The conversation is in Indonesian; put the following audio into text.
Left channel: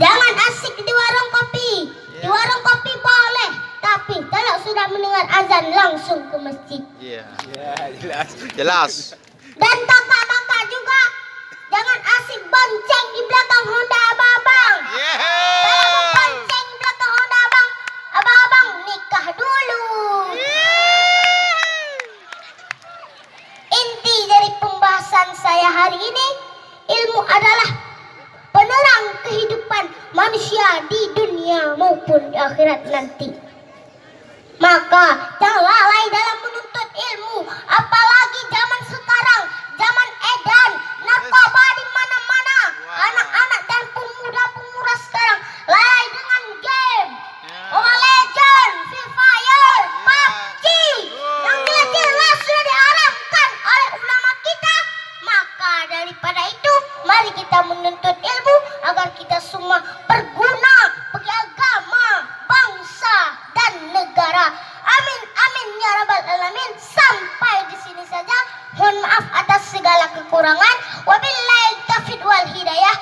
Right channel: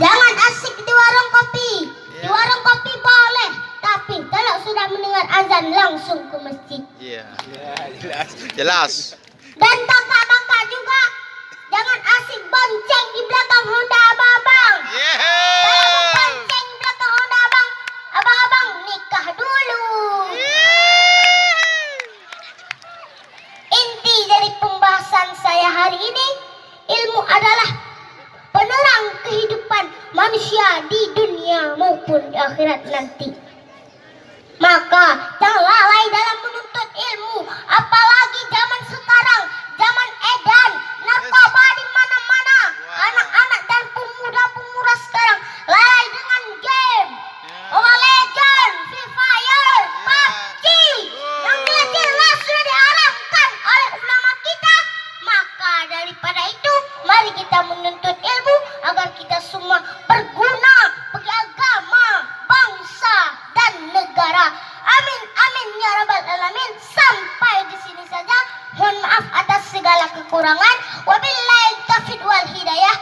Jangan asik di warung kopi. Di warung kopi boleh, tapi kalau sudah mendengar azan langsung ke masjid. Iya. Jelas. Dan kakak-kakak juga jangan asik bonceng di belakang Honda abang-abang. Kalau bonceng di belakang Honda abang-abang nikah dulu. Inti dari pembahasan saya hari ini, ilmu adalah penerang kehidupan manusia di dunia maupun di akhirat nanti. Maka jangan lalai dalam menuntut ilmu, apalagi zaman sekarang, zaman edan, narkoba di mana-mana. Anak-anak dan pemuda-pemuda sekarang lalai dengan game, Mobile Legends, Free Fire, PUBG, yang jelas sudah diharamkan oleh ulama kita. Maka daripada itu, mari kita menuntut ilmu agar kita semua berguna bagi agama, bangsa, dan negara. Amin, amin ya rabbal alamin. Sampai di sini saja. Mohon maaf atas segala kekurangan. Wabillahi taufiq wal hidayah.